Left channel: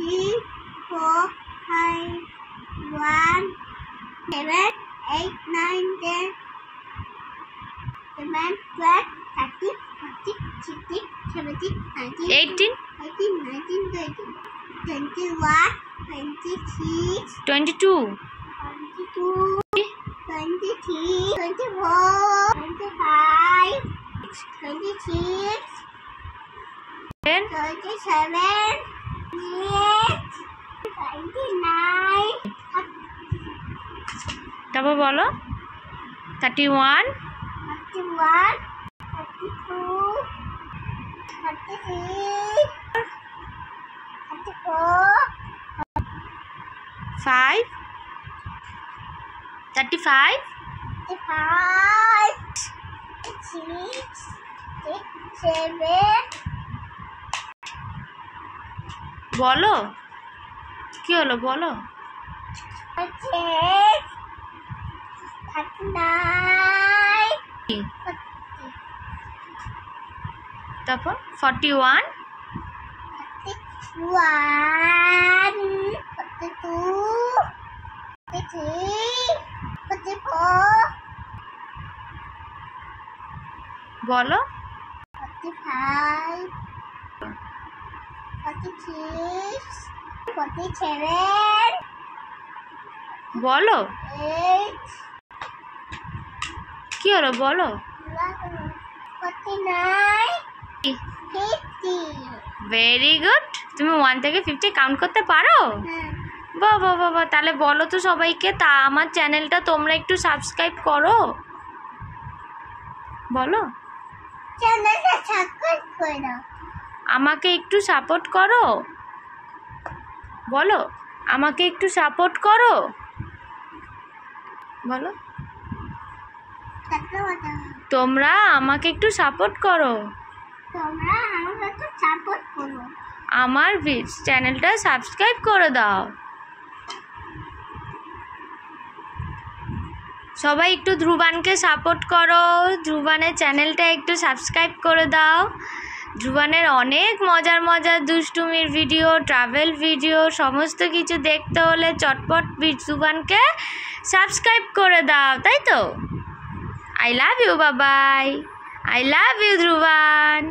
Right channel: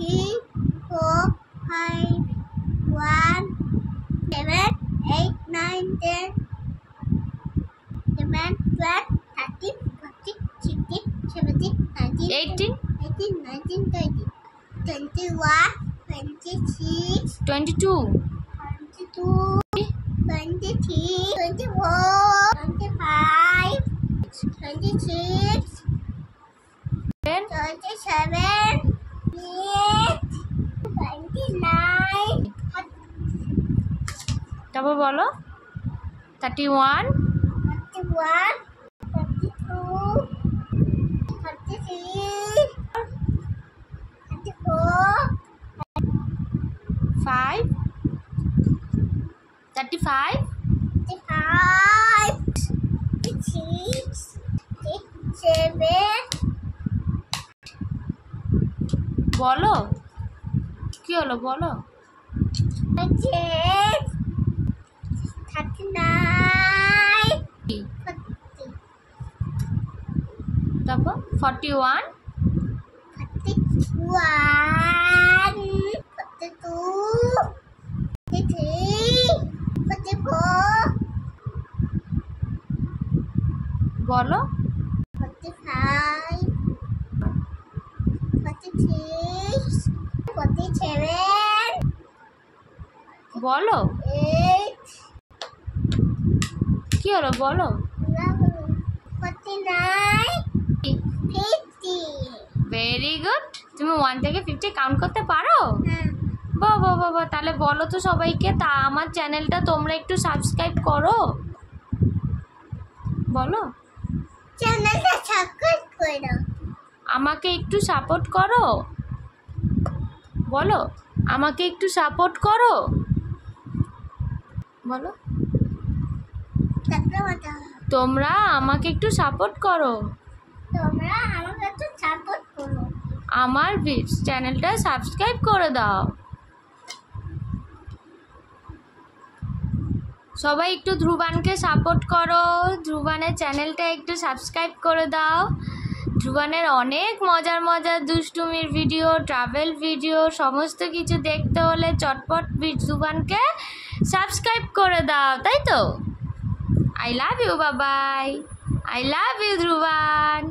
3, 4, 5, 1, 7, 8, 9, 10, 11, 12, 13, 14, 16, 17, 19, 18, 18, 19, 20, 21, 26, 22, 22, 23, 24, 25, 26, 10, 27, 28, 29, তারপর বলো 31, 31, 32, 33, 34, 5, 35, 35, 36, 37, বলো কি হলো বলো 38, 39, কি? 40, তারপর 41, 41, 42, 43, 44, বলো 45, 46, 47, বলো 8, কি হলো বলো 49, 50. Very good. তুমি 1 থেকে 50 কাউন্ট করতে পারো? হ্যাঁ, বাবা বাবা, তাহলে বলো তো সবাইকে, তা আমার চ্যানেলটা তোমরা একটু সাবস্ক্রাইব করো, বলো চ্যানেলটা সাবস্ক্রাইব করে দাও। আমাকে একটু সাপোর্ট করো, বলো আমাকে একটু সাপোর্ট করো, বলো তোমরা আমাকে একটু সাপোর্ট করো, তোমরা আমাকে একটু সাপোর্ট করো। আমার চ্যানেলটা সাবস্ক্রাইব করে দাও। সবাই একটু ধ্রুবানকে সাপোর্ট করো, ধ্রুবানের চ্যানেলটা একটু সাবস্ক্রাইব করে দাও। ধ্রুবানের অনেক মজার মজার দুষ্টুমির ভিডিও, ট্রাভেল ভিডিও, সমস্ত কিছু দেখতে হলে চটপট ধ্রুবানকে সাবস্ক্রাইব করে দাও, তাই তো? আই লাভ ইউ, বাবাই, আই লাভ ইউ ধ্রুবান।